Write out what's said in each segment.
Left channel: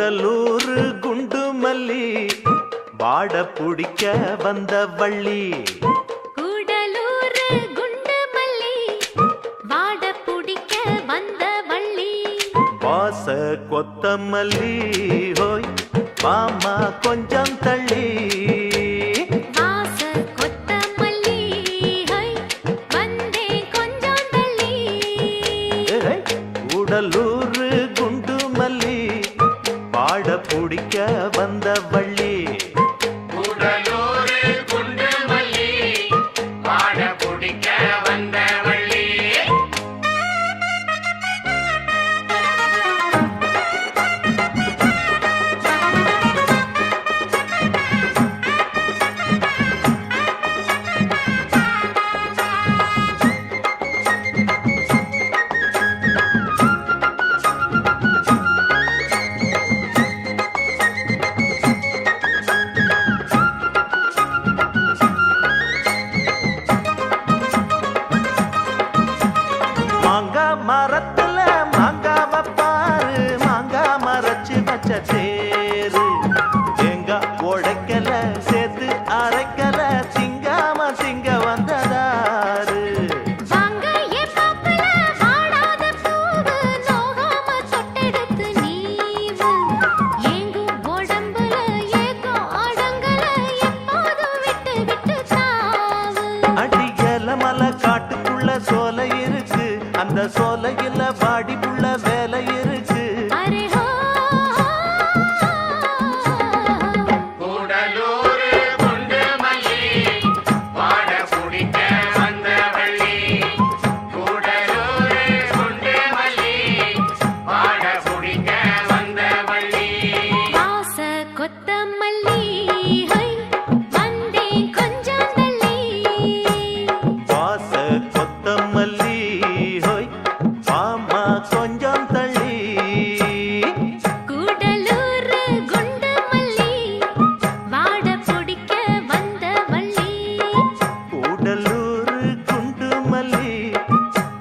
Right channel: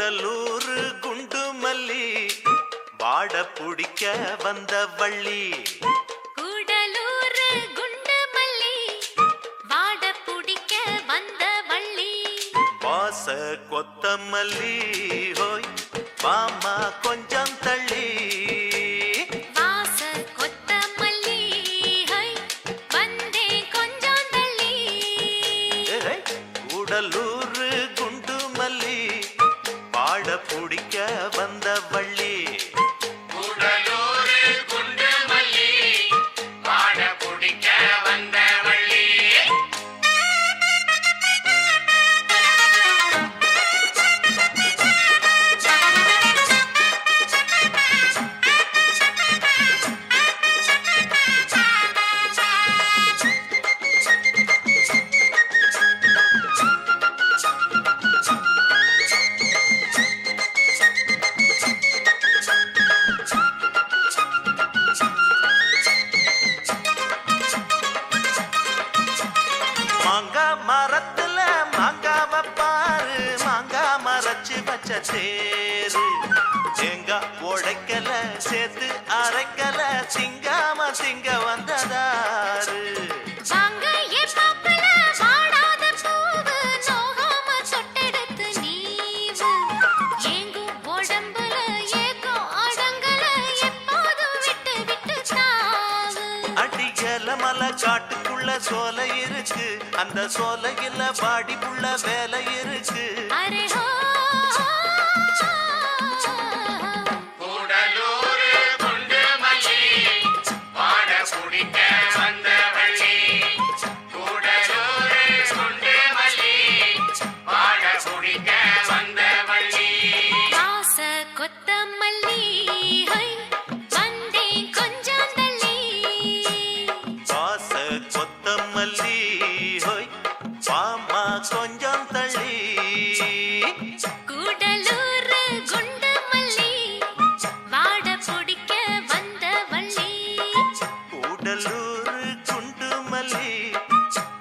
கூடலூர் குண்டு மல்லி வாட புடிக்க வந்த வள்ளி. கூடலூர் குண்டு மல்லி வாட புடிக்க வந்த வள்ளி. வாச கொத்தமல்லி ஹோய் மாமா கொஞ்சம் தள்ளி. வாச கொத்தமல்லி ஹோய் வந்தே கொஞ்சம் தள்ளி. கூடலூர் குண்டு மல்லி வாட புடிக்க வந்த வள்ளி. மாங்கா மரத்துல மாங்காவ பாரு, மாங்கா மரச்சு வச்ச தேரு. தேங்காய் உடைக்கல சேர்த்து அரைக்கல, திங்காம திங்க வந்ததாரு. காட்டுக்குள்ள சோலை இருக்கு, அந்த சோலையில பாடிக்குள்ள வேலை இருக்கு.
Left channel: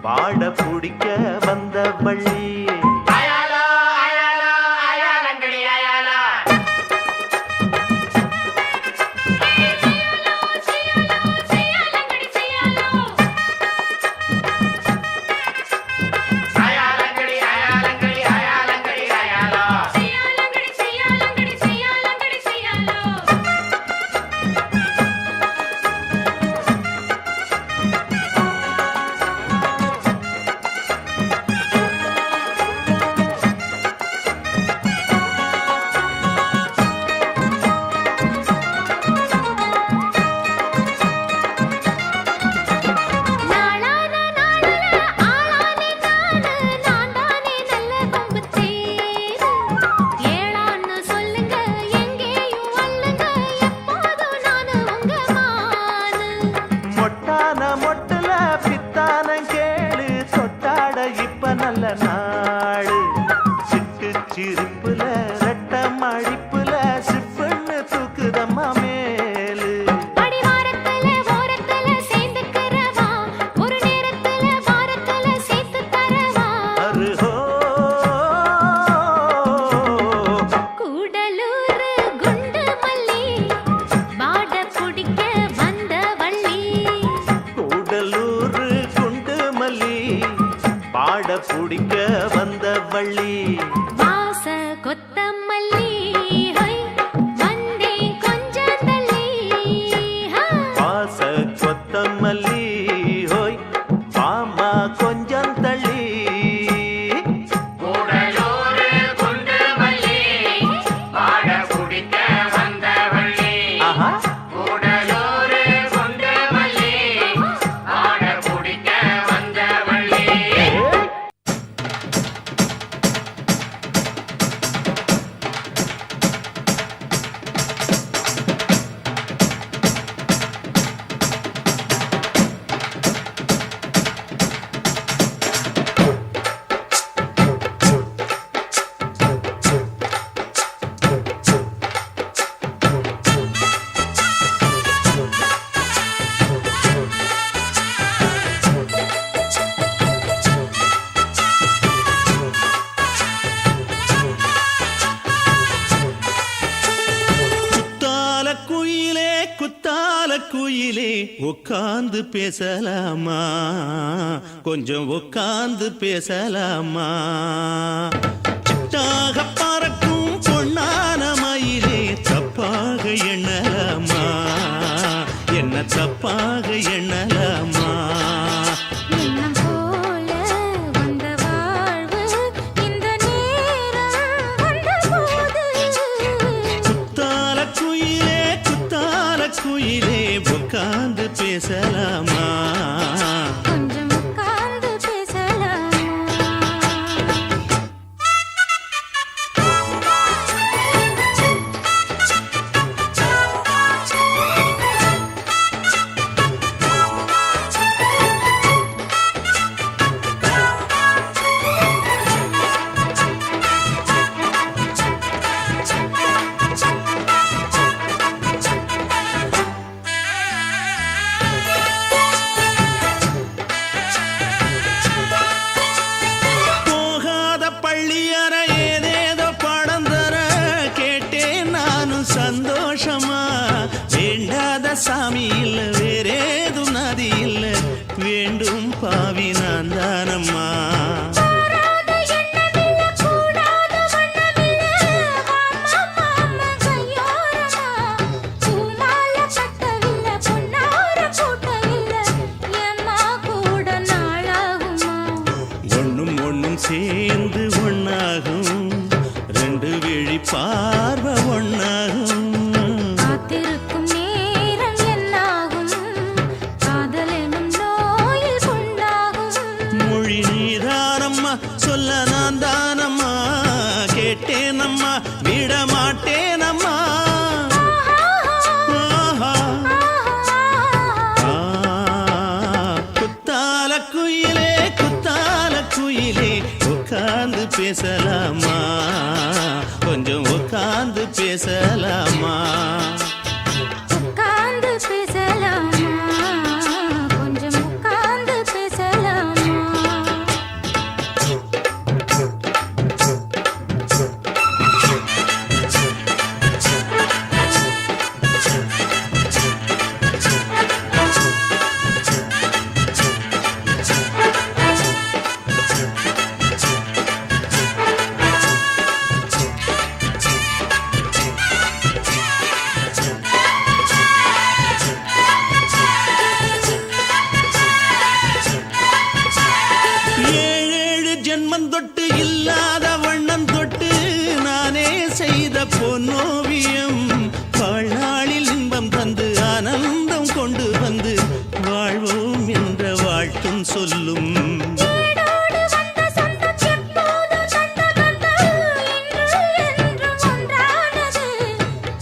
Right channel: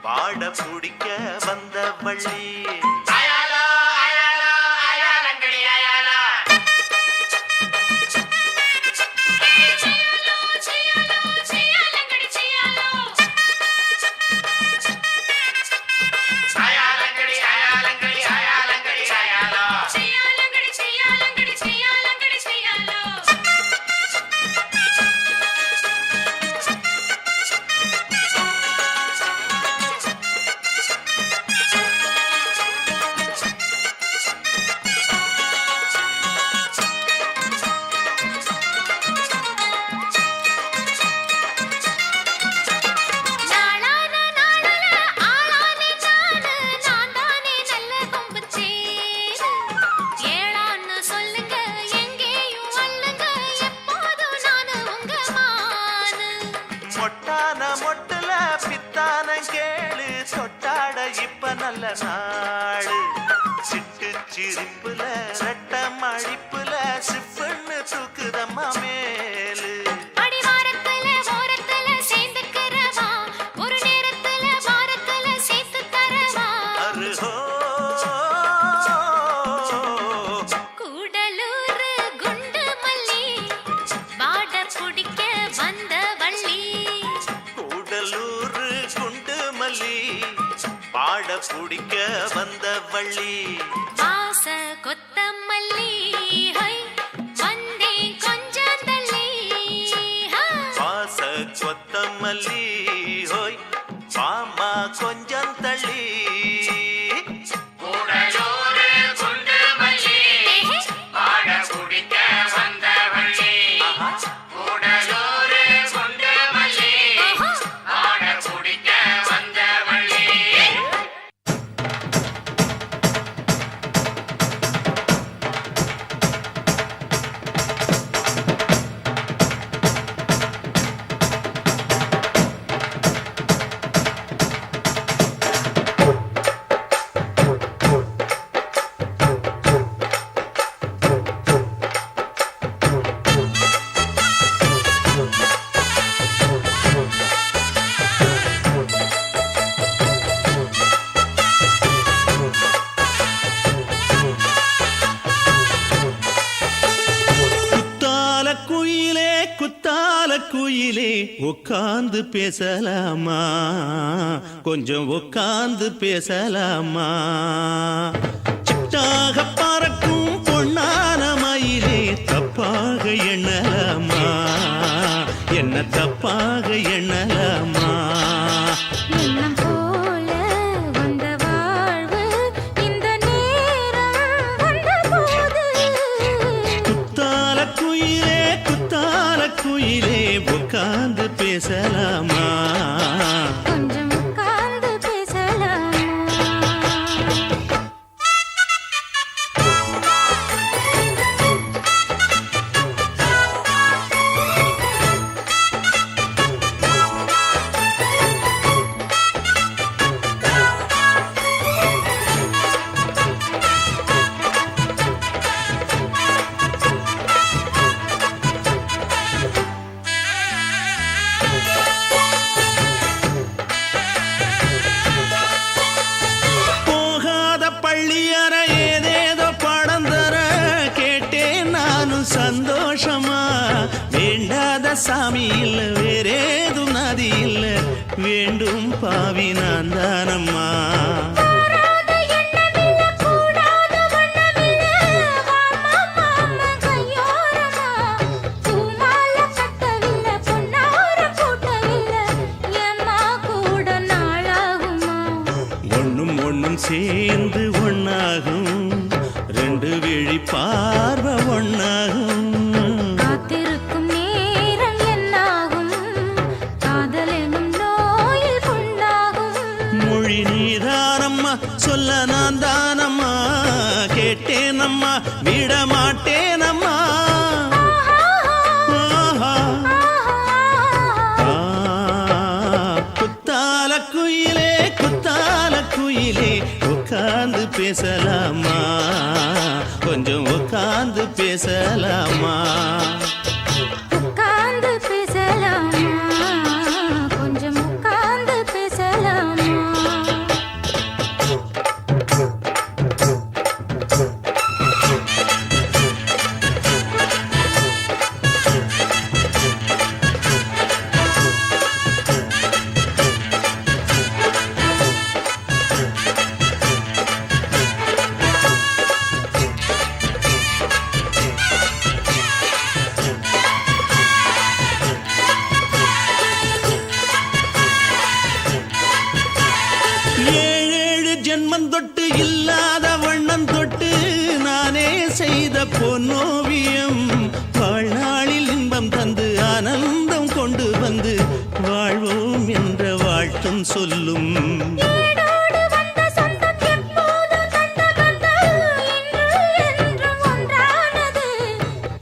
பாட புடிக்க வந்த வள்ளி. மொட்டுல பித்தான கேளு தொட்டாட இப்ப நல்ல நாடு. சிட்டு சிரிப்புல ரெட்ட மடிப்புல சிப்புன்னு தூக்குதம்மா மேலு. பாட புடிக்க வந்த வள்ளி. வாச கொத்தமல்லி ஹோய் வந்தே கொஞ்சம் தள்ளி. வாச கொத்தமல்லி ஹோய் மாமா கொஞ்சம் தள்ளி. உட்கார்ந்து பேசலாமா கொஞ்சம் உட்கார்ந்து பேசலாமா சிட்டாக பறக்கும் பொன்னான மயிலே தப்பாக எண்ணலாமா என்ன தப்பாக எண்ணலாமா எண்ணம் போல வந்த வாழ்வு இந்த நேரம் வந்தபோது குத்தால குயிலே உட்கார்ந்து பேசலாமா கொஞ்சம் உட்கார்ந்து பேசலாமா போகாத பள்ளியற ஏதேதோ படம் தர கேட்டேன் நானும் சந்தோஷமா வேண்டாத சாமி இல்ல வேறேது நதி இல்ல வேண்டும் பாவி நான் தானம்மா கூடாத எண்ணமில்ல கூடாத வண்ணமில்ல மாமா மாமா கையோரமா பூமால கட்டவில்லை பொன்னார கூட்டவில்லை ஏம்மா கூட நாளாகுமா ஒண்ணும் சேர்ந்து ஒண்ணாகும் ரெண்டு விழி பார்வை ஒண்ணாகும் காத்திருக்கும் நேரம் என்னாகும் காதல் எனும் நோயில் புண்ணாகும் மொழி நீதானம்மா சொல்ல நான் தானம்மா கேட்டேனம்மா விட மாட்டேனம்மா ஆஹா. ஆ, குத்தால குயிலே உட்கார்ந்து பேசலாமா கொஞ்சம் உட்கார்ந்து பேசலாமா உட்கார்ந்து பேசலாமா கொஞ்சம் உட்கார்ந்து பேசலாமா ஏழேழு ஜென்மம் தொட்டு இல்லாத வண்ணம் தொட்டு நானே செய்த பொன்னோவியம் வாழ்நாளில் இன்பம் தந்து ஆனந்தம் கொண்டு வந்து வாழ்வோம் என்ற வாழ்த்தும் சொல்லும் ஏடோடு வந்த சொந்தம் எப்போதும் தந்த பந்தம் இன்று என்றும் ஒன்றானது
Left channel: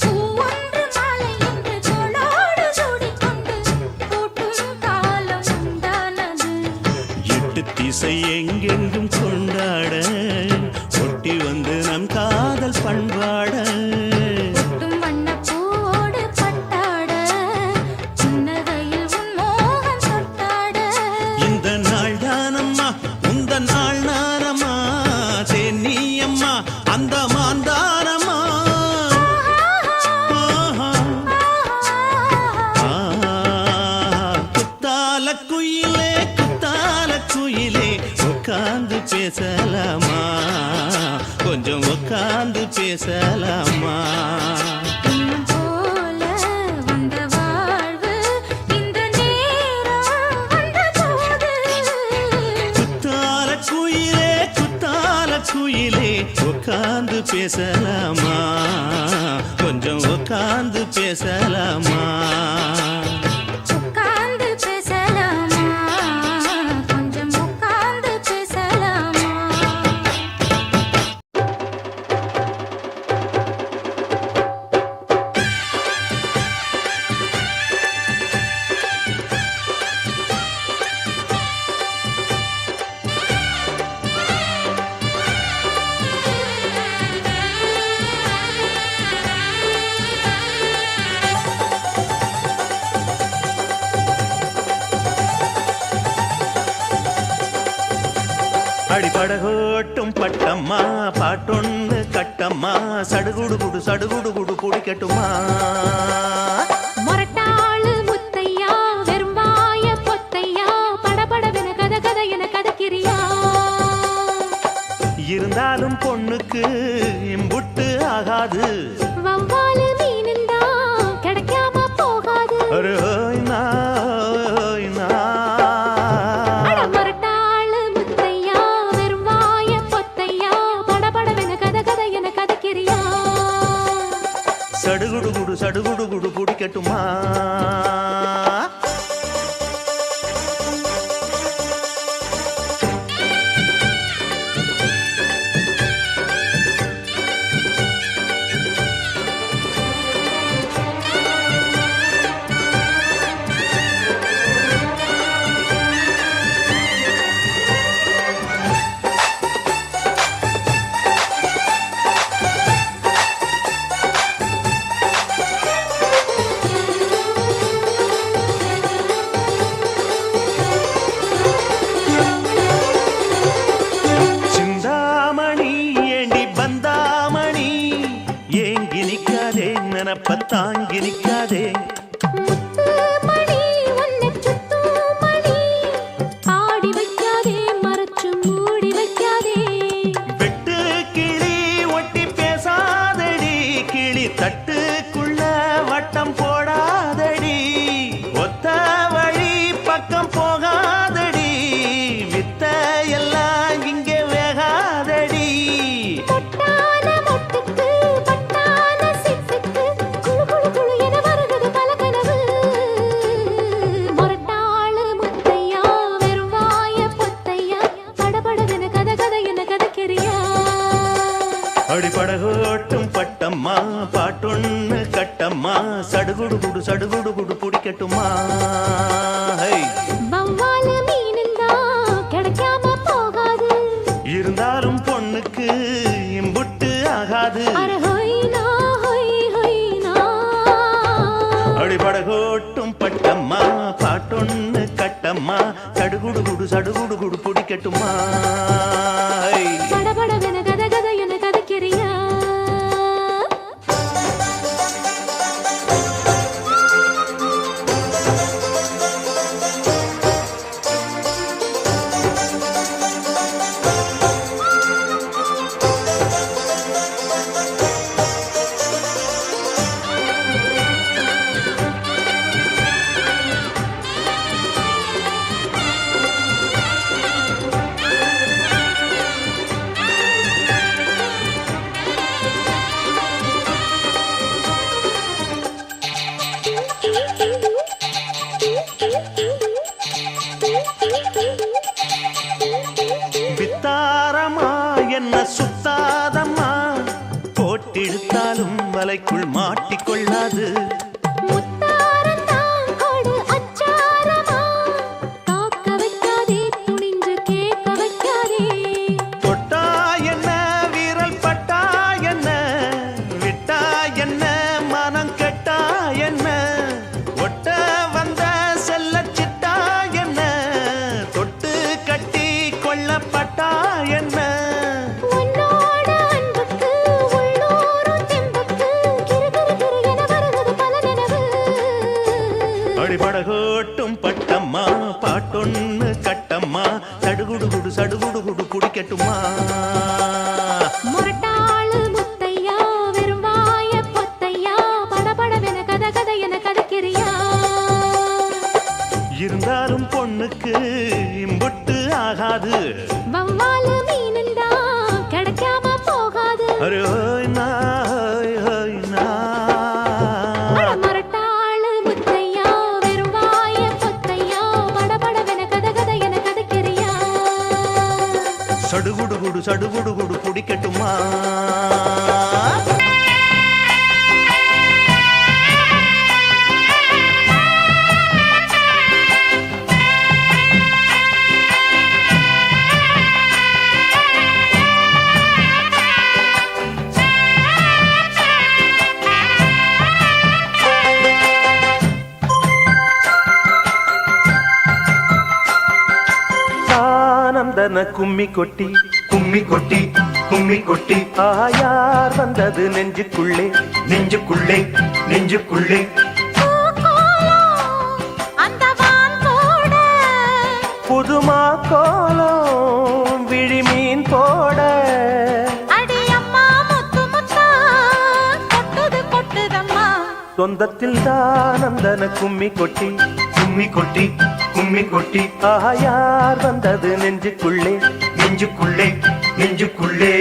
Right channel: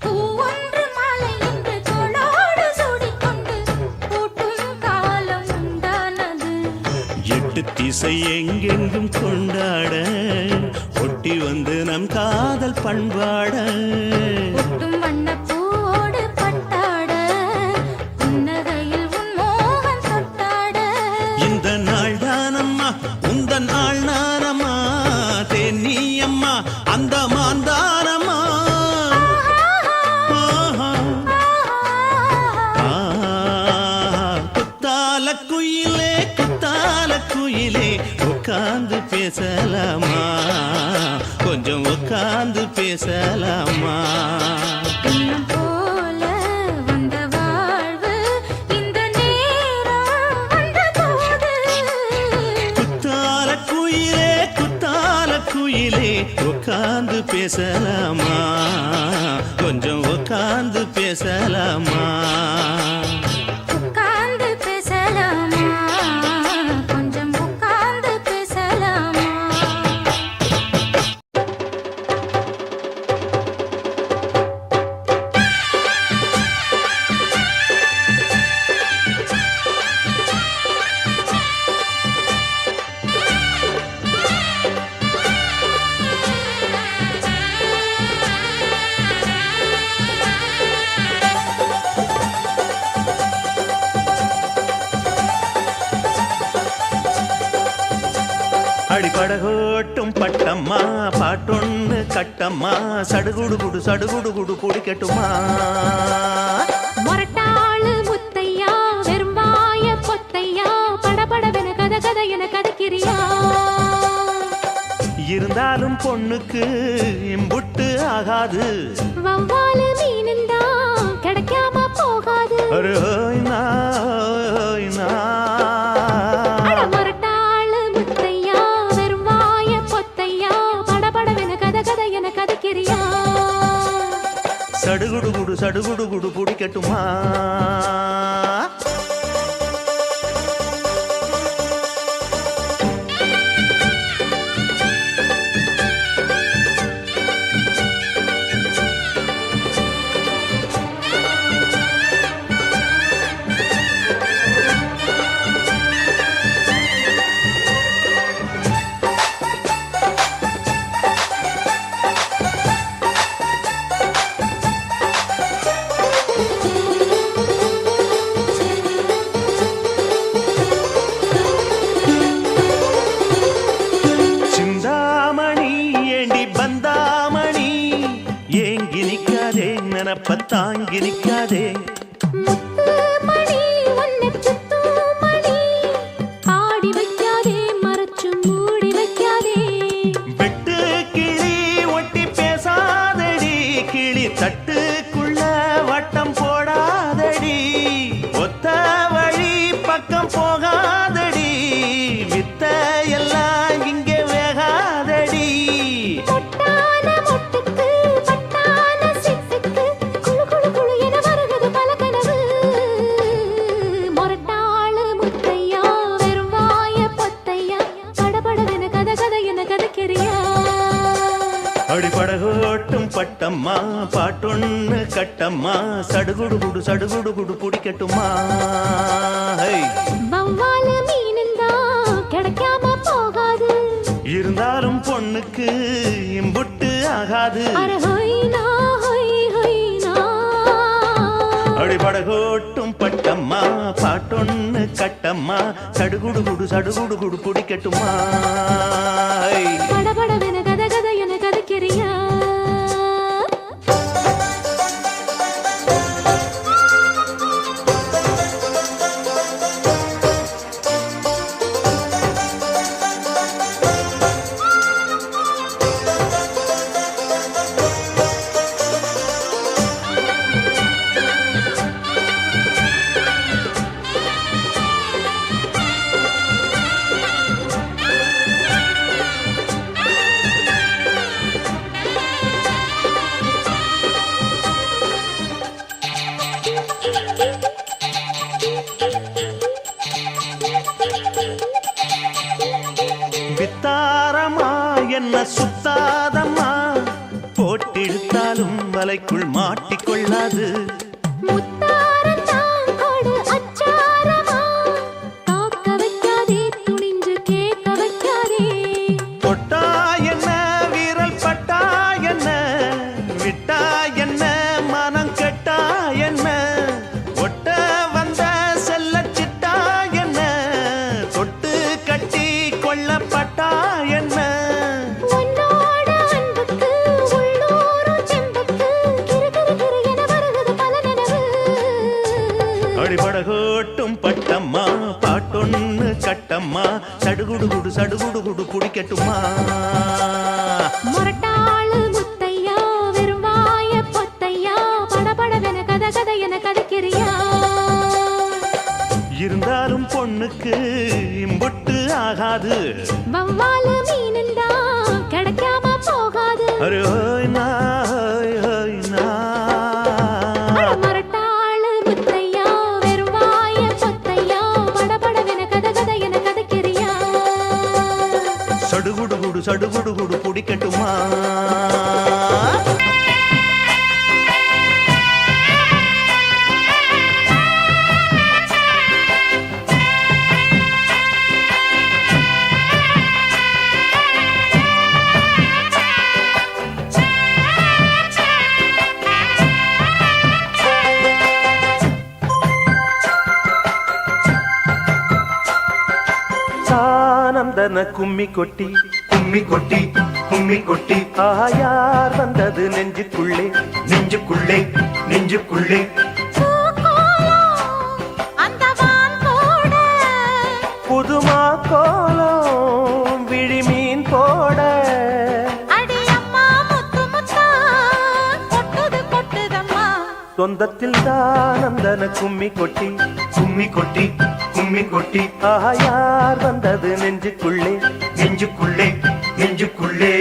பூ ஒன்று மாலை என்று தோளோடு சூடிக்கொண்டு பூட்டும் காலம் உண்டானது எட்டு திசை எங்கெங்கும் கொண்டாட ஒட்டி வந்து நம் காதல் பண்பாட ஒட்டும் வண்ணப் பூவோடு பட்டாட புன்னகையில் உன் மோகம் தொட்டாட இந்த நாள் தானம்மா உந்த நாள் நானம்மா தென்னியம்மா அந்த மாந்தானம்மா ஆஹா. ஆ, குத்தால குயிலே உட்கார்ந்து பேசலாமா கொஞ்சம் உட்கார்ந்து பேசலாமா எண்ணம் போல வந்த வாழ்வு இந்த நேரம் வந்தபோது குத்தால குயிலே உட்கார்ந்து பேசலாமா கொஞ்சம் உட்கார்ந்து பேசலாமா உட்கார்ந்து பேசலாமா கொஞ்சம் உட்கார்ந்து பேசலாமா அடிபடகோட்டும் பட்டம்மா பாட்டொன்னு கட்டம்மா சடுகுடு குடிக்கட்டுமா மொரட்டாளு முத்தையா வெறும் கதை என கதைக்கிறியா? இருந்தாலும் பொண்ணுக்கு இம்புட்டு ஆகாது. வவ்வாலு மீனுந்தா கிடைக்காம போகாது. அரே ஹோய் நா, ஹோய் நா. அட முரட்டாளு முத்தையா, வெறும் வாய பொத்தையா, படபடவென கதை கதை என கதைக்கிறியா? சடுகுடு குடு சடுகுடு குடு பிடிக்கட்டுமா? நினப்ப தாங்கி நிக்காதே. முத்து மணி உன்னை சுத்து மணி, ஆடி வைக்காதே மறைச்சு மூடி வைக்காதே. வெட்டு கிளி ஒட்டி பேசாதடி, கிளி தட்டுக்குள்ள வட்டம் போடாதடி. ஒத்த வழி பக்கம் போகாதடி, வித்த எல்லாம் இங்கே வேகாதடி. அடிபடகோட்டும் பட்டம்மா, பாட்டொன்னு கட்டம்மா, சடுகுடு குடு சடுகுடு குடு பிடிக்கட்டுமா? வவ்வாலு மீனுந்தா கிடைக்காம போகாது. இருந்தாலும் பொண்ணுக்கு இம்புட்டு ஆகாது. அடிபடகோட்டும் பட்டம்மா, பாட்டொன்னு கட்டம்மா, சடுகுடு குடு சடுகுடு குடு பிடிக்கட்டுமா? படபடவென கதை கதை என கதைக்கிறியா? வித்தாரமா என்ன சுத்தாதம்மா, போட்டெடுத்தாலும் வலைக்குள் மாட்டிக்கொள்ளாது. முத்தாரத்தான் கொடு அச்சாரமா, காக்க வைக்காதே துணிஞ்சு கேட்க வைக்காதே. தொட்டா என்ன வீரல் பட்டா என்ன, விட்டா என்ன மனம் கெட்டா என்ன, ஒட்ட வந்த செல்ல சிட்டா என்ன, தொட்டு கட்டி கொள்ளப்பட்டா என்ன. உன்னோட அன்புக்கு உள்ளூரும் தெம்புக்கு கிரு கிரு கிரு என வருகிறது பல நினைவு. அடிபடகோட்டும் பட்டம்மா, பாட்டொன்னு கட்டம்மா, சடுகுடு குடு சடுகுடு குடு பிடிக்கட்டுமா? முரட்டாளு முத்தையா, வெறும் வாய பொத்தையா, படபடவென கதை கதை என கதைக்கிறியா? இருந்தாலும் பொண்ணுக்கு இம்புட்டு ஆகாது. வவ்வாலு மீனுந்தா கிடைக்காம போகாது. அரே ஹோய் நா, ஹோய் ஹோய் நா. அட முரட்டாளு முத்தையா, வெறும் வாய பொத்தையா, படபடவென கதை கதை என கதைக்கிறியா? சடுகுடு குடு சடுகுடு குடு பிடிக்கட்டுமா? ஆனந்தன கும்மி கொட்டி கும்மி கொட்டி கும்மி கொட்டி, ஆயார் வந்தது நெஞ்சுக்குள்ளே நெஞ்சுக்குள்ளே நெஞ்சுக்குள்ளே. அந்த வான் போட புதுமா கோலம் விழிமீன் போட அடி அம்மா முத்து முத்தா கொட்டுது கொட்டுதம்மா சொந்தத்தில் தான் அந்தன கும்மி கொட்டி கும்மி கொட்டி கும்மி கொட்டி ஆஹா யார் வந்தது நெஞ்சுக்குள்ளே நெஞ்சுக்குள்ளே நெஞ்சுக்குள்ளே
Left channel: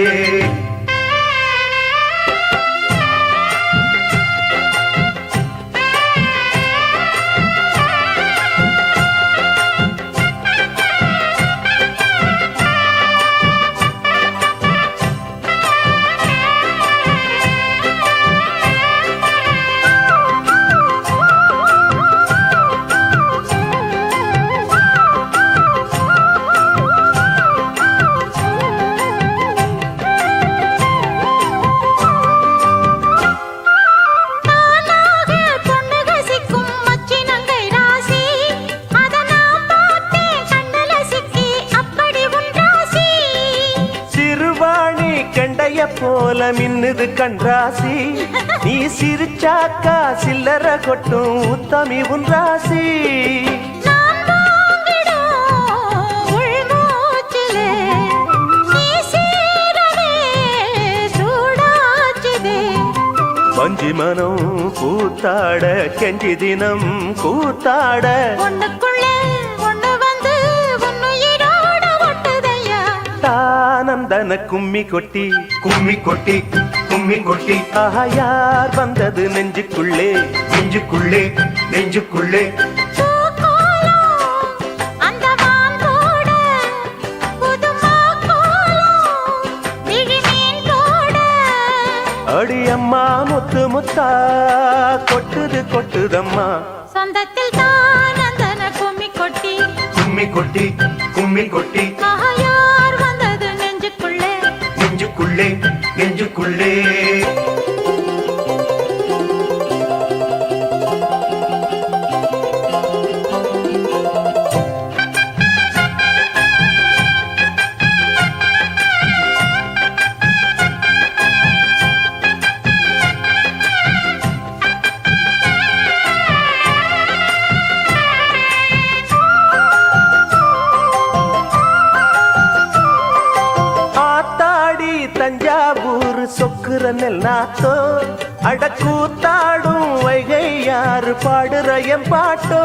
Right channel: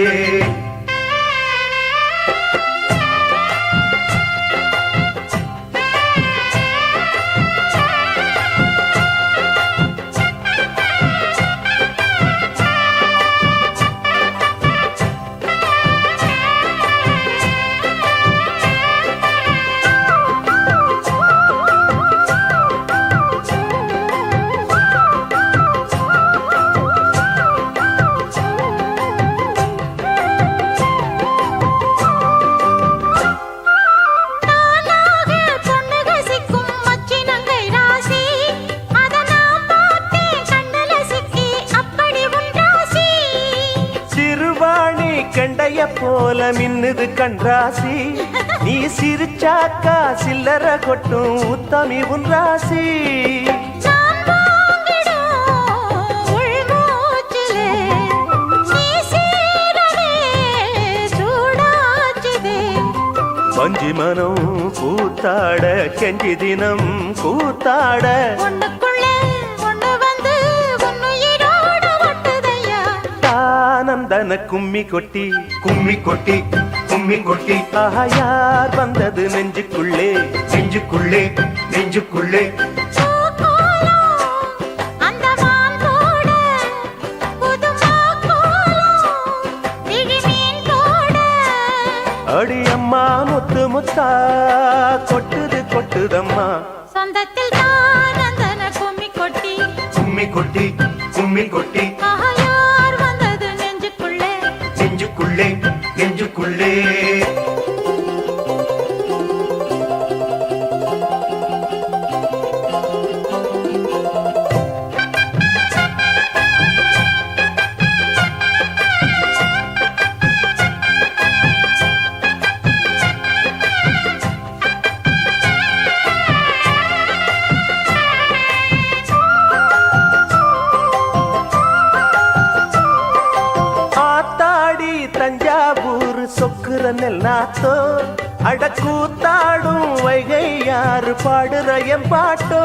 கண்டைய போல மின்னுது கண்ராசி நீ சிரிச்சாக்கா சில்லற கொட்டும் உத்தமி உன் ராசி வஞ்சி மனம் கூத்தாட கெஞ்சி தினம் கூத்தாட ஆனந்தன கும்மி கொட்டி கும்மி கொட்டி கும்மி கொட்டி ஆஹா யார் வந்தது நெஞ்சுக்குள்ளே நெஞ்சுக்குள்ளே நெஞ்சுக்குள்ளே அடி அம்மா முத்து முத்தா கொட்டுது கொட்டுதம்மா சொந்தத்தில் தான் அந்தன கும்மி கொட்டி கும்மி கொட்டி கும்மி கொட்டி யார் வந்தது நெஞ்சுக்குள்ளே நெஞ்சுக்குள்ளே நெஞ்சுக்குள்ளே தஞ்சாவூர் சொக்குற நெல்லாத்தோ அடக்கூத்தாடும் வைகை யாரு பாடுற என் பாட்டோ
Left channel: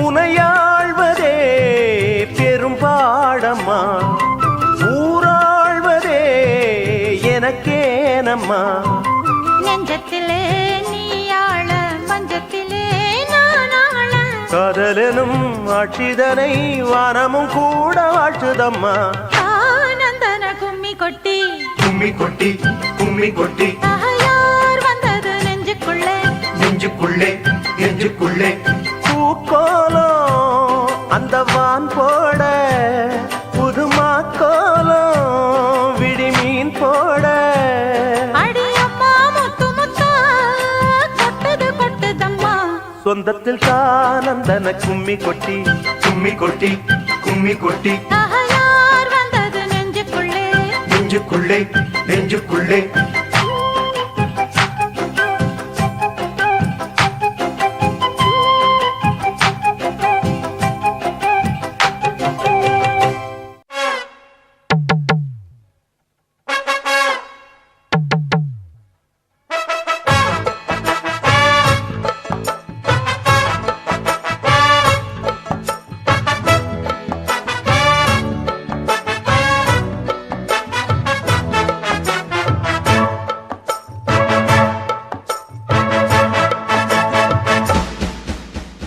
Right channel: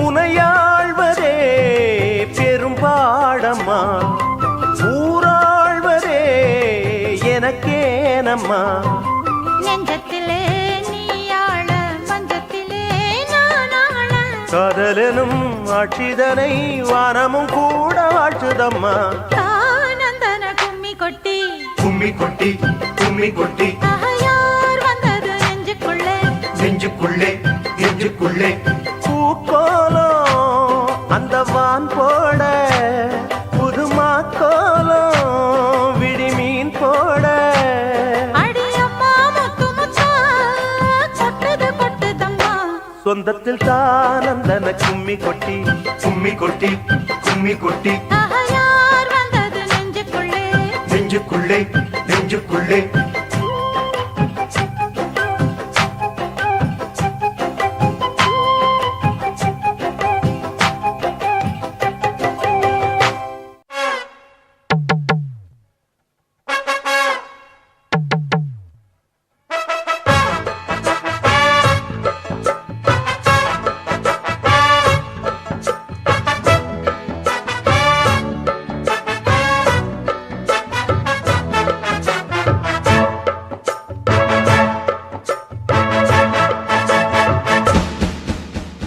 உனையாழ்வதே பெரும் பாடம்மா ஊராழ்வதே எனக்கேனம்மா நெஞ்சத்திலே காதலனும் ஆட்சிதனை வானமும் கூட வாழ்த்துதம்மா ஆனந்தன கும்மி கொட்டி கும்மி கொட்டி கும்மி கொட்டி யார் வந்தது நெஞ்சுக்குள்ளே நெஞ்சுக்குள்ளே நெஞ்சுக்குள்ளே பூக்கோலம் அந்த வான் போட புதுமா கோலம் விடிமீன் போட சொந்தத்தில் தானந்தன கும்மி கொட்டி கும்மி கொட்டி கும்மி கொட்டி யார் வந்தது நெஞ்சுக்குள்ளே நெஞ்சுக்குள்ளே நெஞ்சுக்குள்ளே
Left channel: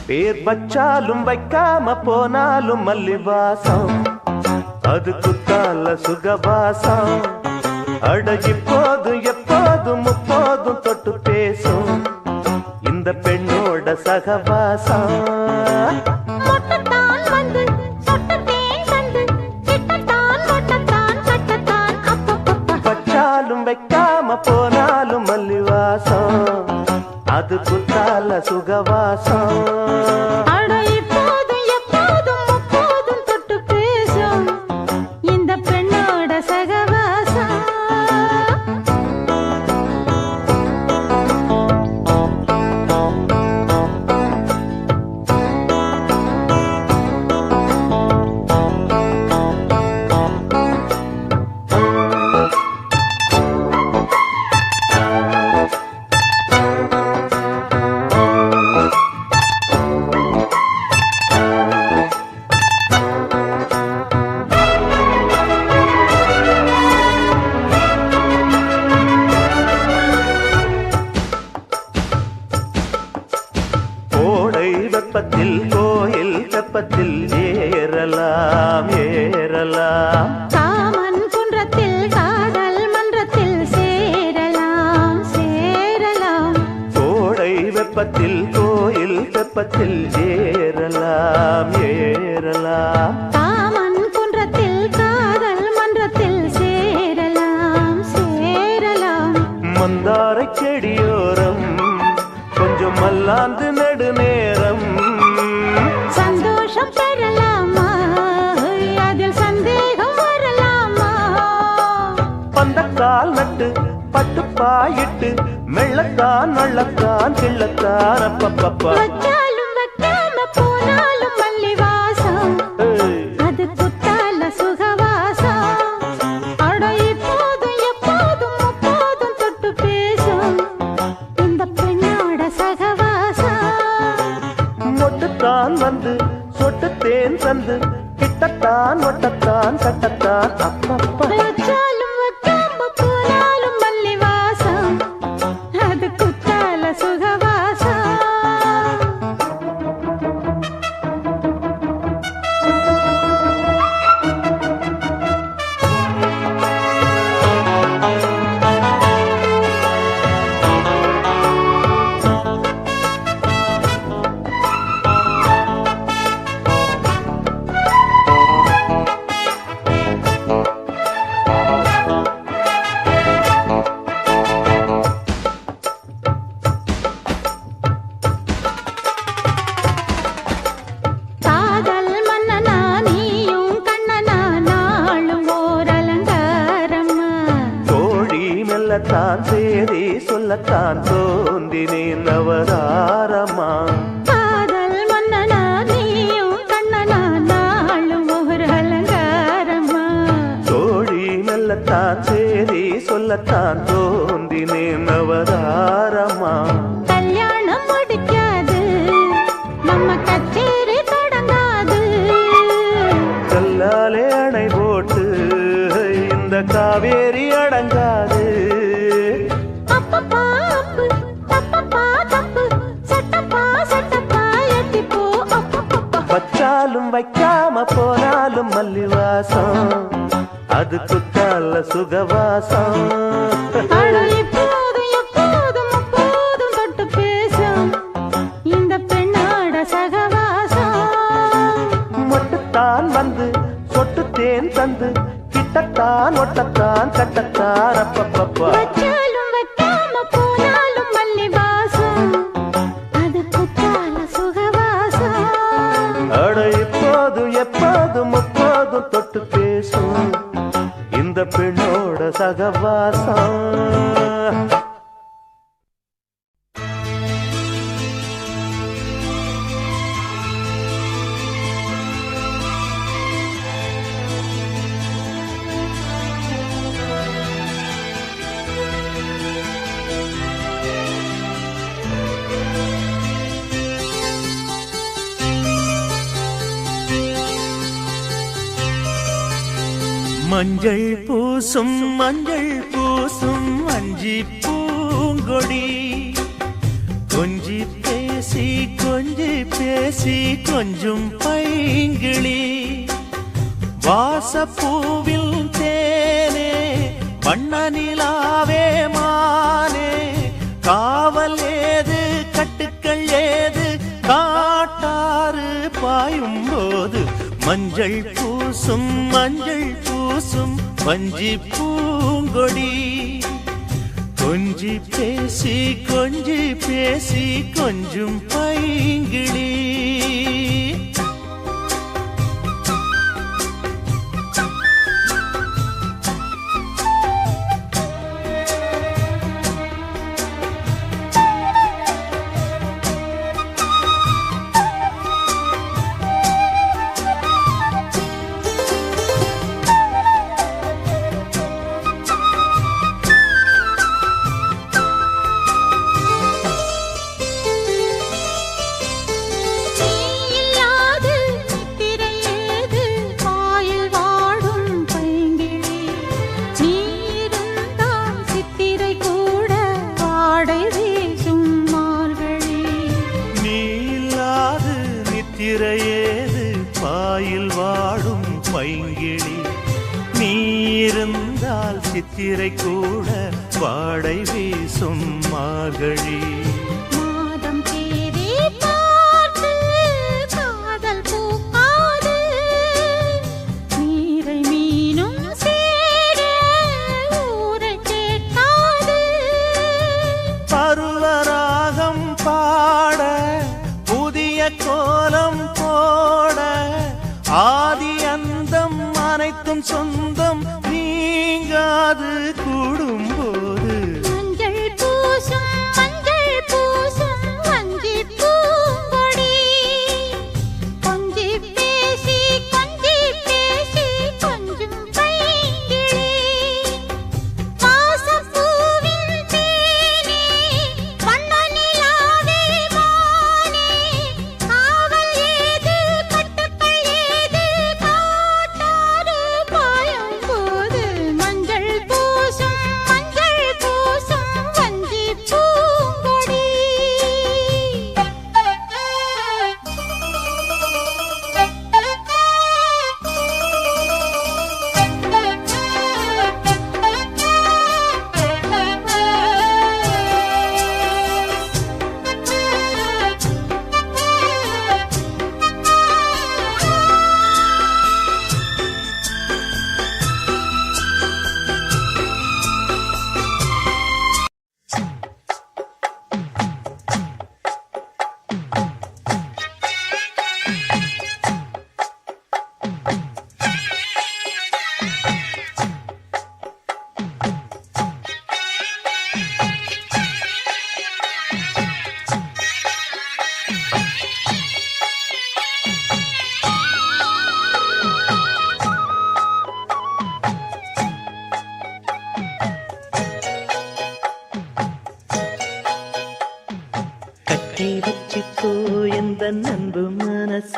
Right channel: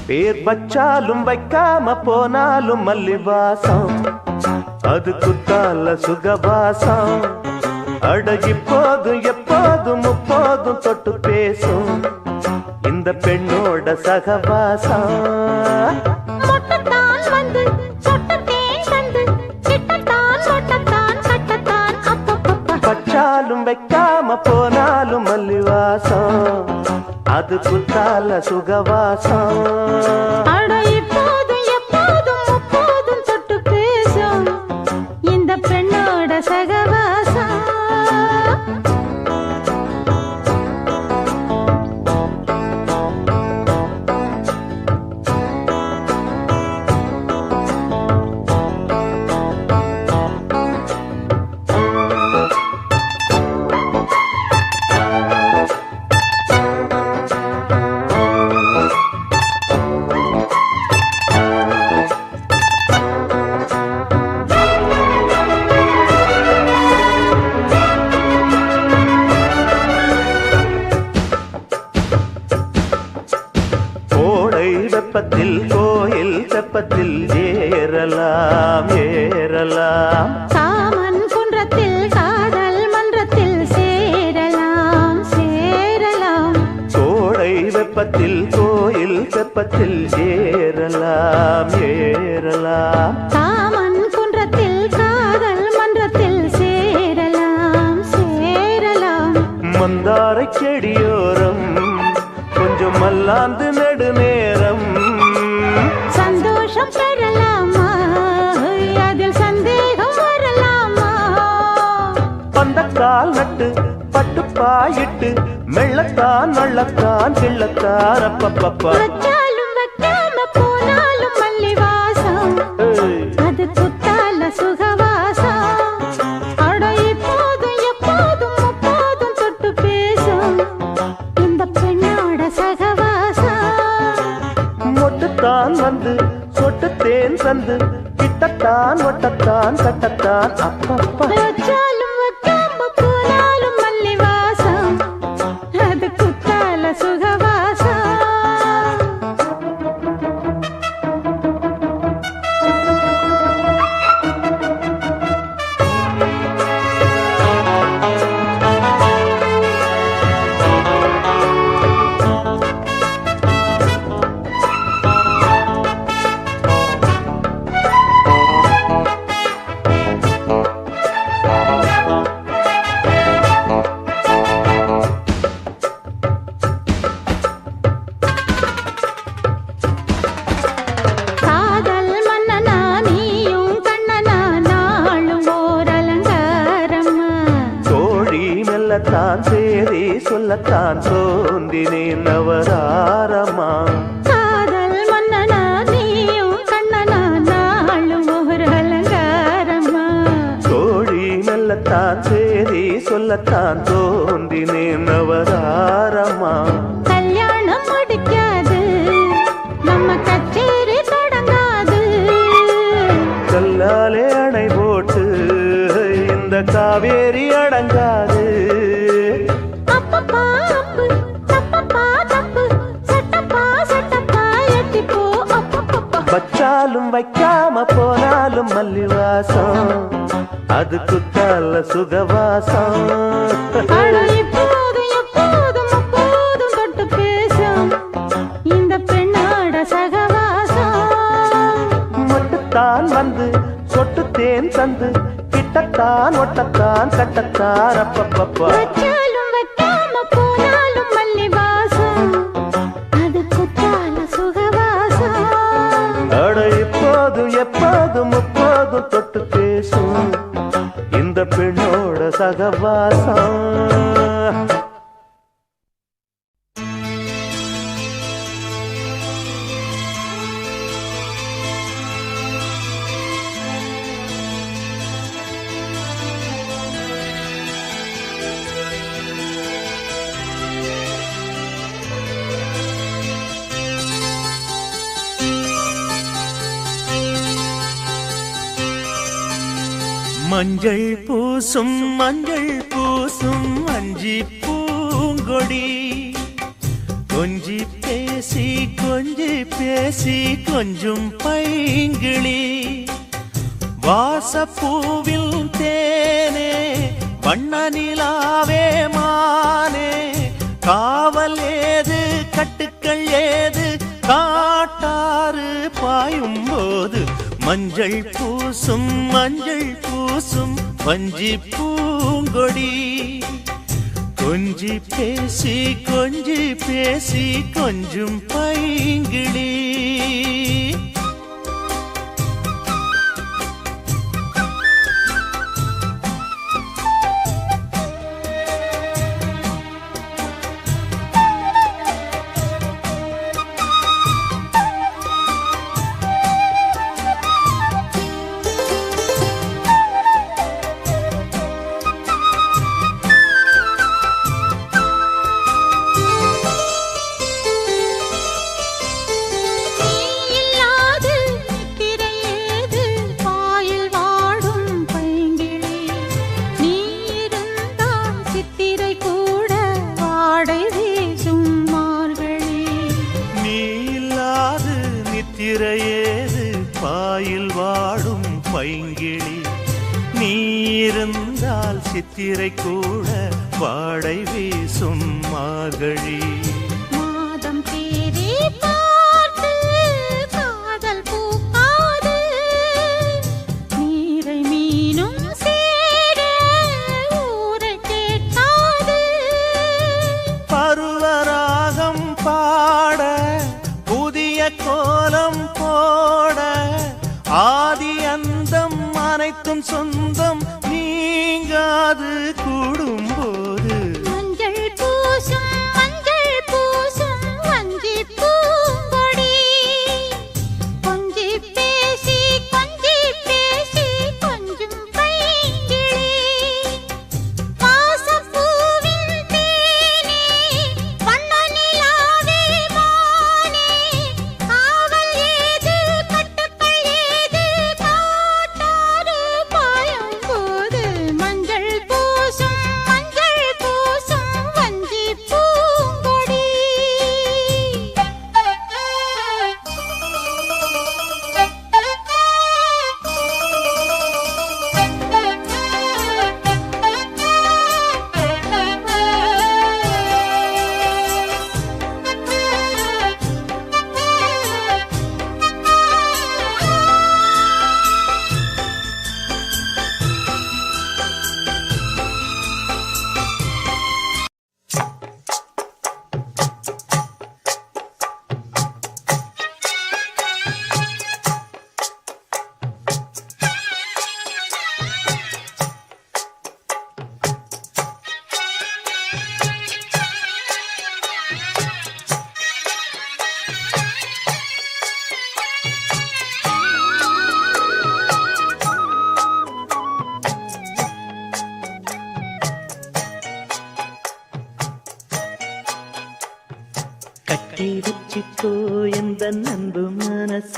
பேர் வச்சாலும் வைக்காம போனாலும் மல்லிவாசம் அது குத்தால சுகவாசம் அடகி போதும் எப்போதும் முப்போதும் தொட்டு பேசும் இந்த பெண்ணோட சகவாசம் வச்சாலும் வைக்காம போனாலும் மல்லிவாசம் அது குத்தால சுகவாசம் இப்போதும் எப்போதும் முப்போதும் தொட்டு பேசும் இந்த பெண்ணோட சகவாசம் வெப்பத்தில் கோயில் தெப்பத்தில் ஏறலாம் ஏறலாம் காமன் குன்றத்தில் காதல் மன்றத்தில் சேரலாம் சேரலாம் கோடை வெப்பத்தில் கோயில் தெப்பத்தில் ஏறலாம் ஏறலாம் காமன் குன்றத்தில் காதல் மன்றத்தில் சேரலாம் சேரலாம் மந்தாரை செடியோரம் கொஞ்சம் மல்லாந்து நெடுநேரம் சந்தோஷம் பெறலாமா அதில் சந்தேகம் வரலாமா பந்தக்கால் நட்டு பட்டு பாயிட்டு மெள்ளத்தான் வள்ளத்தான் கிள்ளத்தான் அப்பப்பப்பா வச்சாலும் வைக்காம போனாலும் மல்லி வாசம் அது குத்தால சுகவாசம் அட இப்போதும் எப்போதும் முப்போதும் தொட்டு பேசும் இந்த பெண்ணோட சகவாசம் மொட்டுத்தான் வந்து சொட்டுத்தேன் சந்து கிட்டத்தான் ஒட்டத்தான் கட்டத்தான் அப்பப்பா வச்சாலும் வைக்காம போனாலும் மல்லி வாசம் அது குத்தால சுகவாசம் காதல் மன்னனா நீயும் கண்ணனா நாளும் ஓர் அலங்காரம்மா கோழி மெல்லத்தான் சேரி சொல்லத்தான் தோந்தினேன் நவதாரமா காதல் மன்னனா நீயும் கண்ணனா நாளும் ஓர் அலங்காரம்மா கோழி மெல்லத்தான் சேரி சொல்லத்தான் தோந்தினேன் நவதாரமா கல்யாணம் முடிக்காது நம்ம கச்சேரி தொடங்காது கல்லாலே அணை போட்டு இந்த காவேரி அடங்காது அப்பப்பா அப்பு தப்பப்பா தப்பு சட்டப்பா சட்டப்பா எட்டிப்போ அப்பப்பப்பா வச்சாலும் வைக்காம போனாலும் மல்லிவாசம் அது குத்தால சுகவாசம் அட இப்போதும் எப்போதும் அப்போதும் தொட்டு பேசும் இந்த பெண்ணோட சகவாசம் மொட்டுத்தான் வந்து சொட்டுத்தேன் தந்து கிட்டத்தான் ஒட்டத்தான் கட்டத்தான் அப்பப்பப்பா வச்சாலும் வைக்காம போனாலும் மல்லி வாசம் அது குத்தால சுகவாசம் அட இப்போதும் எப்போதும் முப்போதும் தொட்டு பேசும் இந்த பெண்ணோட சகவாசம் மஞ்சள் பூசும் அஞ்சி பூங்கொடி கொஞ்சி பேசி கொஞ்சும் பைங்கிளி வாசப்பூவில் தேனே வண்ண நிலாவே மானே காவல் ஏது கட்டுக்கள் ஏது காட்டாறு பாயும் போது மஞ்சள் பூசும் வஞ்சி பூங்கொடி கொஞ்சி பேசி கொஞ்சும் பைங்கிளி நீ இல்லா பைங்கிளி நீ இருந்தால் சித்திரை கூட வாடை வீசும் மார்கழி மாதம் தேதி பார்த்து காதல் பூக்காது நீரை மீனும் சேர ஊரை கேட்காது பருவராகம் பாட புதிய கோலம் போட ஆதி அந்தம் அனைத்தும் சொந்தம் நீங்காது கூடும்போது மஞ்சள் பூசும் வஞ்சி பூங்கொடி கொஞ்சி பேசி கொஞ்சும் பைங்கிளி வாசப்பூவின் தேனே வண்ண நிலாவே மானே காவல் ஏது கட்டுக்கள் ஏது காட்டாறு பாயும் போது மஞ்சள் பூசும் வஞ்சி பூங்கொடி கட்டி வச்சுக்கோ எந்த அன்பு மனச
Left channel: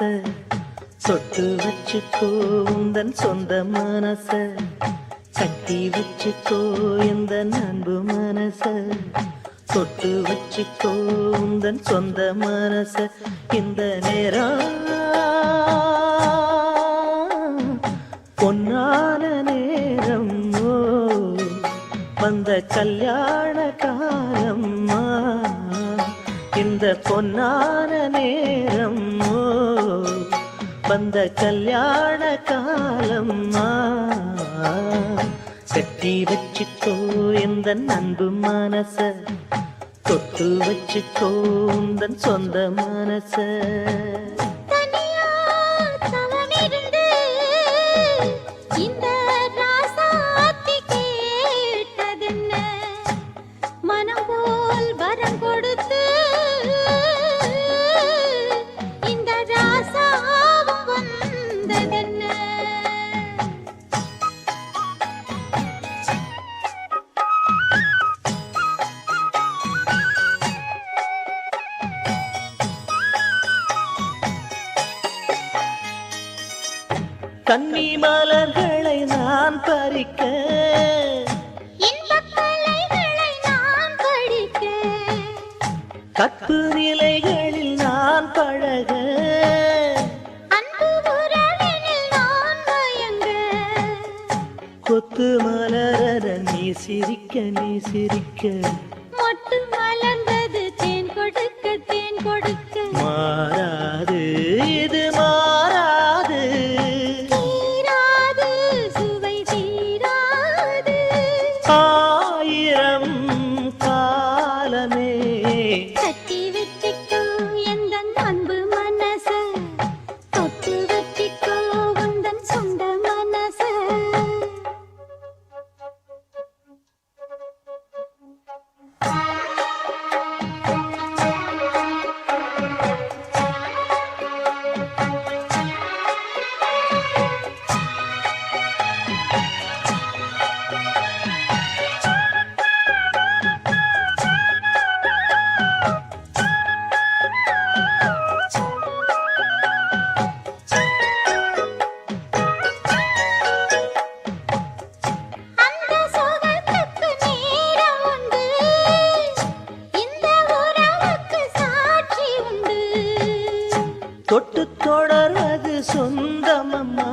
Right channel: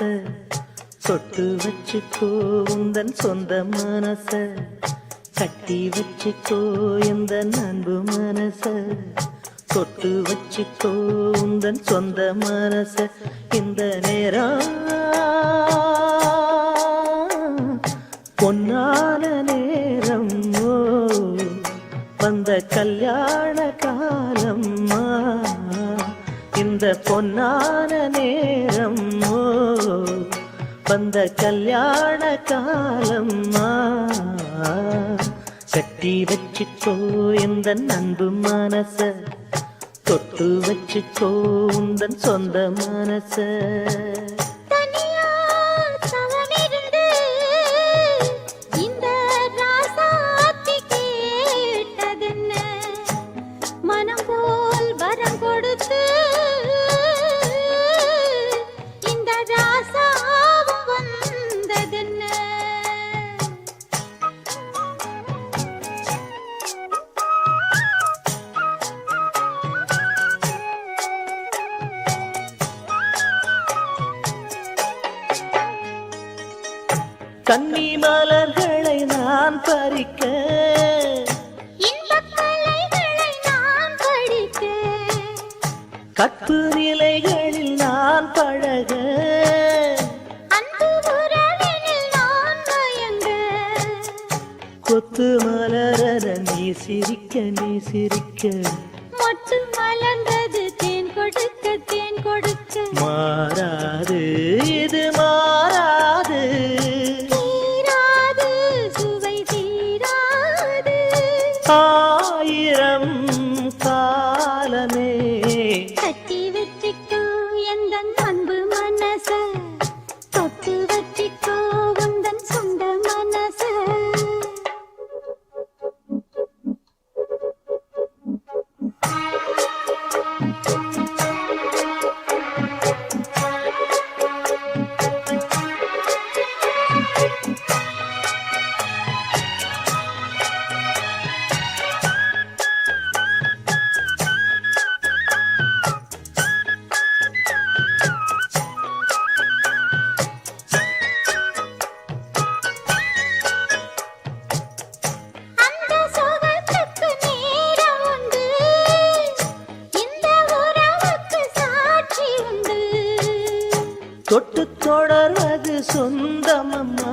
சொட்டு வச்சுக்கோ உந்தன் சொந்த மனச கட்டி வச்சுக்கோ எந்த அன்பு மனச சொட்டு வச்சுக்கோ உந்தன் சொந்த மனச இந்த நேரம் பொன்னான நேரம் ஓ வந்த கல்யாண காலம்மா இந்த பொன்னான நேரம் ஓ வந்த கல்யாண காலம்மா கட்டி வச்சுக்கோ இந்த அன்பு மனச தொட்டு வச்சுக்கோ உந்தன் சொந்த மனச தனியா தவமிருந்து இந்த ராசாத்தி கேட்டதென்ன மனம் போல் வரம் கொடுத்து இந்த ராசாவும் வந்ததென்ன கன்னி மலர்களை நான் பறிக்க இன்பக் கலைகளை நான் படிக்க கற்பு நிலைகளில் நான் பழக அன்பு உறவினில் நான் மயங்க கொத்து மலர நீ சிரிக்க நீ சிரிக்க மொட்டு மலர்ந்தது தேன் கொடுக்க மாறாது இது மாறாது தீராது சுவை தீராது ஆயிரம் காலமே கட்டி வச்சிக்கோ எந்த அன்பு மனச தொட்டு வச்சிக்கோ உந்தன் சொந்த மனச அந்த சுகத்துக்கு நேரம் உண்டு இந்த உறவுக்கு சாட்சி உண்டு தொட்டு தொடர்வது சொந்தமம்மா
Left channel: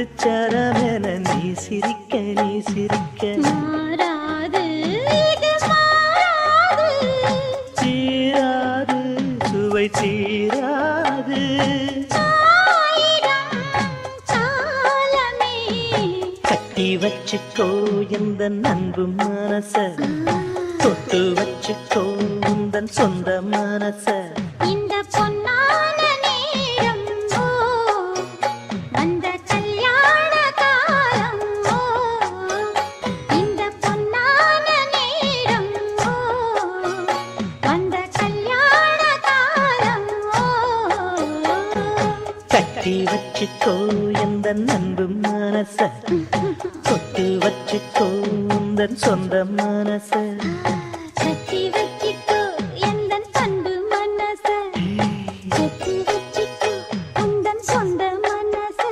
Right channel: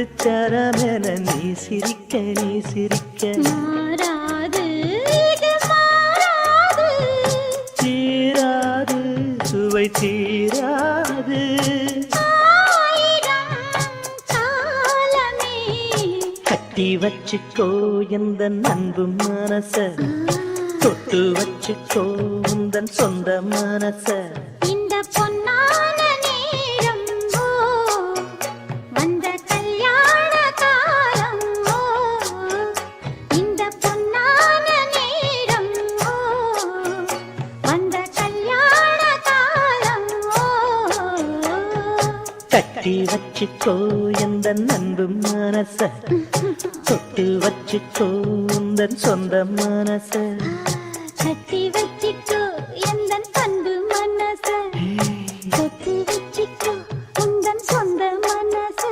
முத்துச்சரமென நீ சிரிக்க நீ சிரிக்க மாறாது இது மாறாது தீராது சுவை தீராது ஆயிரம் காலமே கட்டி வச்சுக்கோ எந்த அன்பு மனச தொட்டு வச்சுக்கோ உந்தன் சொந்த மனச இந்த பொன்னான நேரம் ஓ வந்த கல்யாண காலம் ஓ இந்த பொன்னான நேரம் ஓ வந்த கல்யாண காலம் ஓ கட்டி வச்சுக்கோ எந்த அன்பு மனச தொட்டு வச்சுக்கோ உந்தன் சொந்த மனச கட்டி வச்சிக்கோ எந்தன் அன்பு மனச கட்டி வச்சிக்கோ உந்தன் சொந்த மனச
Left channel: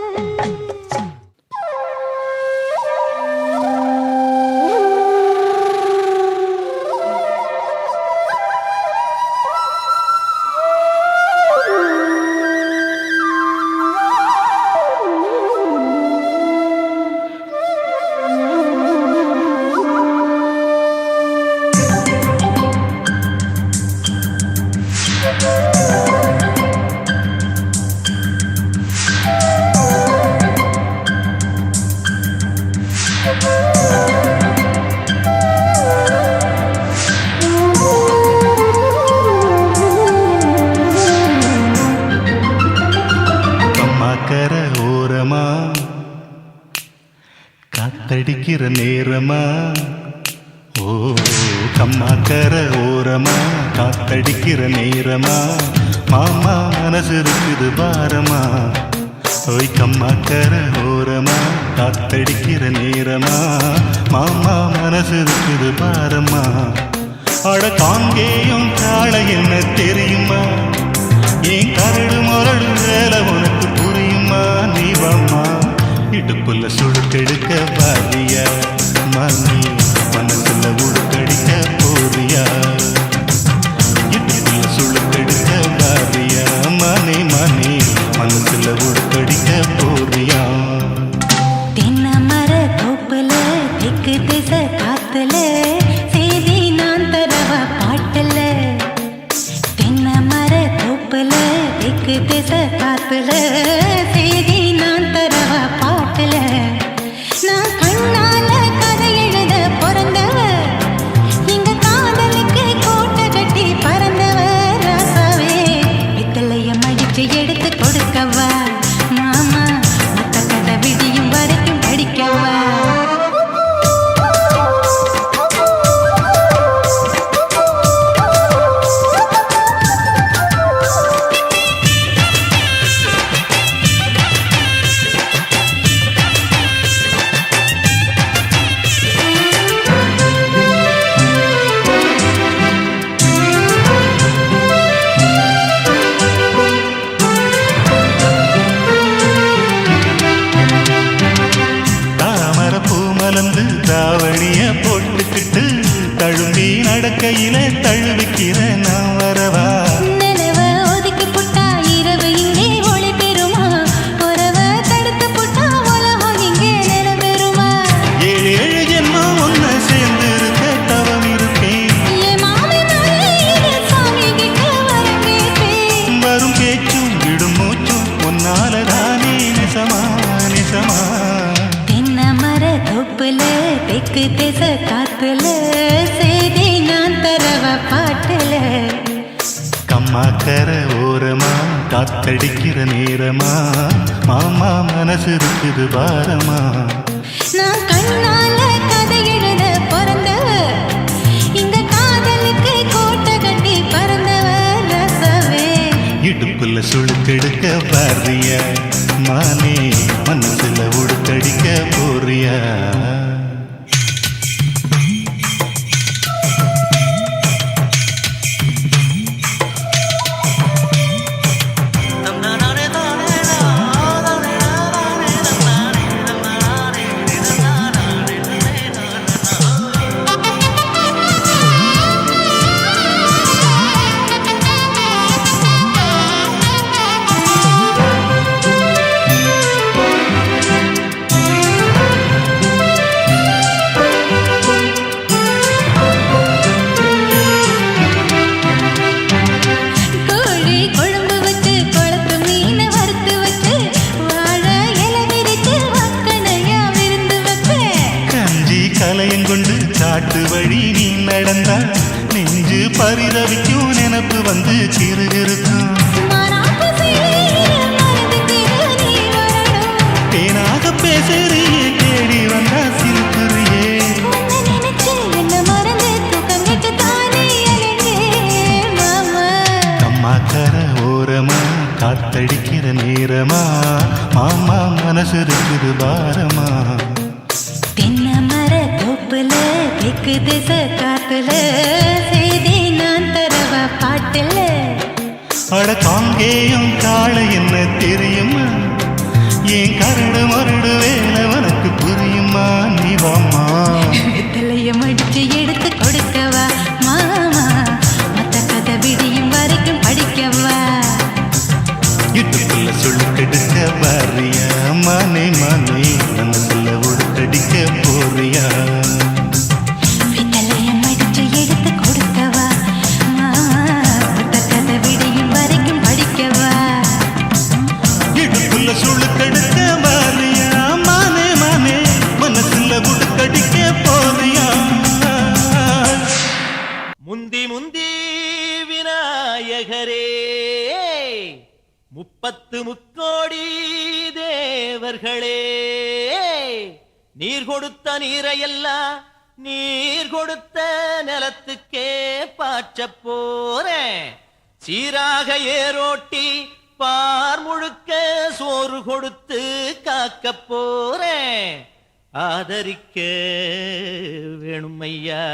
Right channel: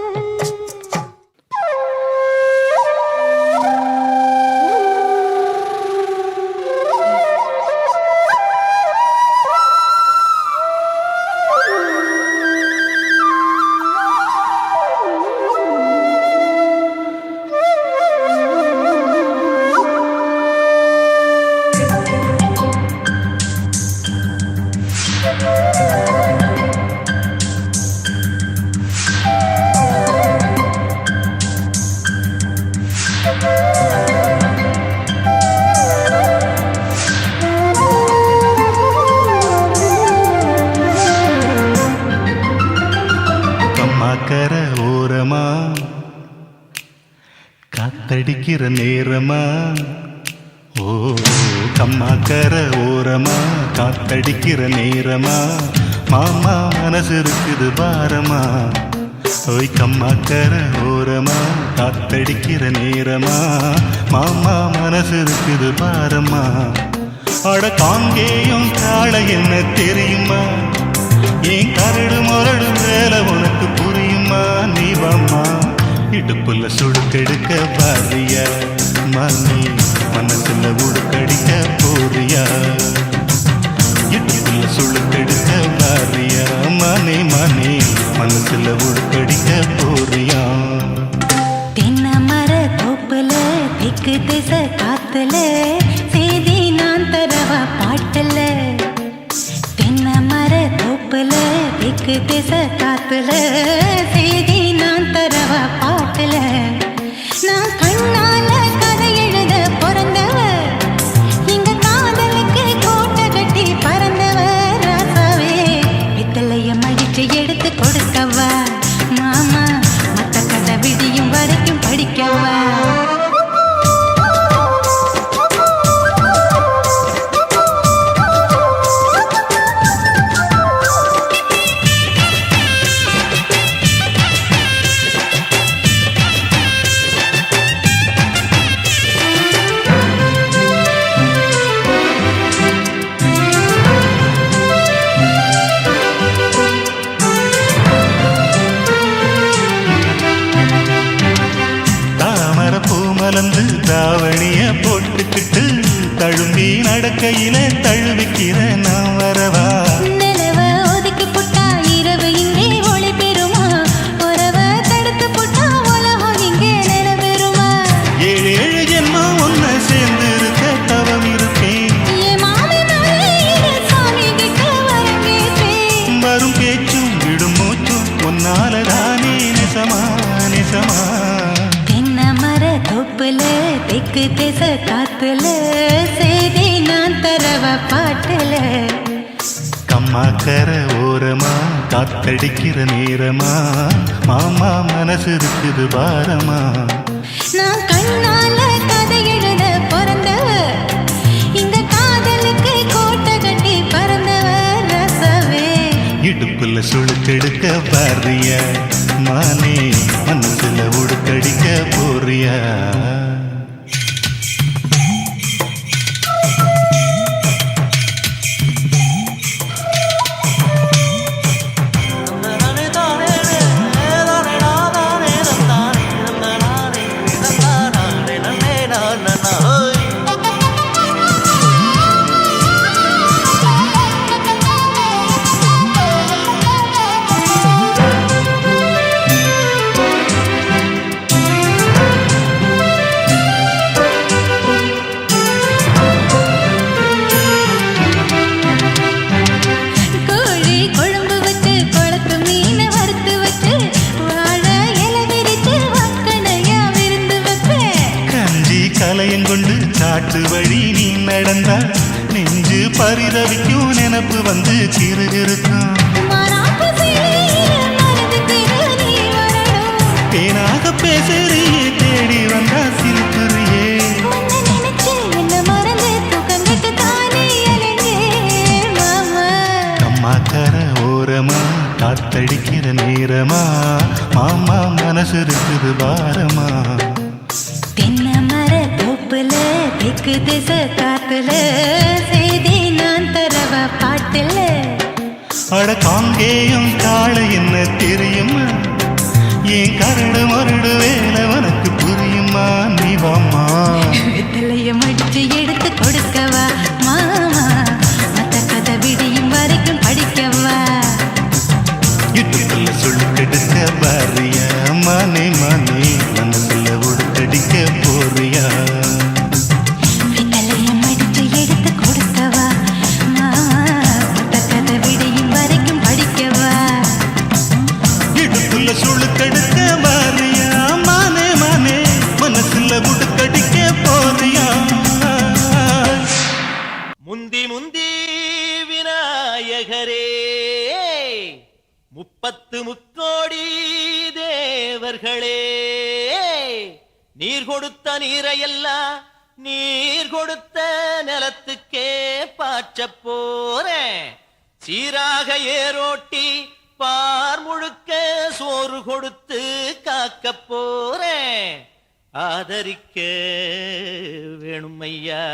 கம்மாக்கர ஓரமா காத்தடிக்கிற நேரமா ஓ கம்மாக்கர ஓரமா காத்தடிக்கிற நேரமா மாமா மனசு இருக்குது பாரமா ஓய் கம்மாக்கர ஓரமா காத்தடிக்கிற நேரமா மாமா மனசு இருக்குது பாரமா அட காங்கேயும் காளை என்ன தெரியுமா ஏன் கரடு முரடு வேலை உனக்கு புரியுமா நீ வாம்மா இடுப்புல சுடுக்கெடுக்க பாரியா மணி மனசுல உடுக்கடிக்க போறியா இடுப்புல சுடுக்கெடுக்க பாரியா மணி மணி மனசுல உடுக்கடிக்க போறியா தென்ன மர தோப்புல திக்கு திசை காத்துல செய்தி நான் தரவ பாட்டுல தென்ன மர தோப்புல திக்கு திசை காத்துல செய்தி நான் தரவ பாட்டுல நான் கண்ணால கதை எழுத பிறந்தவ இங்க காதலுக்கு கோட்டை கட்டி பறந்தவ ராசாவே பித்தளைய மடிச்சு எடுத்து கொடுக்கவா மாமா மத்த கதை விடியும் வரைக்கும் படிக்கவா மலர்ந்து தாவணிய போட்டுக்கிட்டு தழும்பி நடக்கையில தழுவிக்கிற நான் வரவா நிலவ ஒதுக்கி புட்டா இரவு இங்கே ஒளி பெறுமா உறவ தடுத்து புட்டா உலகம் இங்கே நிலவெறுமா ஏழு ஏழு ஜென்மம் ஒன்ன சேர்ந்து இருக்க தவம் இருப்பேன் ஏ மாமி மலையில சாமி கிட்ட வரம் கேட்பேன் வரும் பேச்சும் விடும் மூச்சும் உன்னாலதானே நெசமா நெசமா தென்ன மர தோப்புல தெக்கு திசை காத்துல செய்தி நான் தரவ பாட்டுல கம்மாக்கர ஓரமா காத்தடிக்கிற நேரமா மாமா மனசு இருக்குது பாரமா நான் கண்ணால கதை எழுத பிறந்தவ இங்க காதலுக்கு கோட்டை கட்டி பறந்தவ ரசவே இடுப்புல சுழுக்கெடுக்க பாரியா மானே மனசுல உடுக்கடிக்க போறியா வந்து கிறுகிறுக்கும் மாறாப்பு செய்யற மறந்துக்கிற நீ வரணும். தேனாக பேசுறியே தேடி வந்தா சிரிப்புறியே உன்னை நினைச்சு என்ன மறந்து தூக்கம் கெட்டு தானே அலைஞ்சேன் மாமா. அம்மாக்கர ஓரமா காத்தடிக்கிற நேரமா மாமா மனசு இருக்குது பாரமா தென்னை மர தோப்புல தெற்கு திசை காத்துல செய்தி நான் தரவா பாட்டுல. அட காங்கேயம் காளை என்ன தெரியுமா ஏன் கரடு மருடு வேலை உனக்கு புரியுமா நீ வாமா வெத்தலைய மடிச்சு எடுத்து கொடுக்கவா மாமா. மத்த கதை விடியும் வரைக்கும் படிக்கவா. இடுப்புல சொல்லுக்கெடுக்க பாரியா மானே மானே மனசுல உடுக்கடிக்க போறியா வெத்தலைய மடிச்சு எடுத்து கொடுக்கவா மாமா. மத்த கதை விடியும் வரைக்கும் படிக்கவா. இடுப்புல சொல்லுக்கெடுக்க பாரியா மானே மானே மனசுல உடுக்கடிக்க போறியா முந்தி முந்தி விநாயகரே முப்பத்து முத்தோடி தேவர்களே நீர் கொடுத்த நீரையெல்லாம் நீர் கொடுத்த நிலத்துக்கே பாய்ச்ச போறேன் நீராக ஏரோட்டி பார் முழுக்க சோறு கொடுத்து காக்க போறேன் ஆதரிக்க வேணுமையா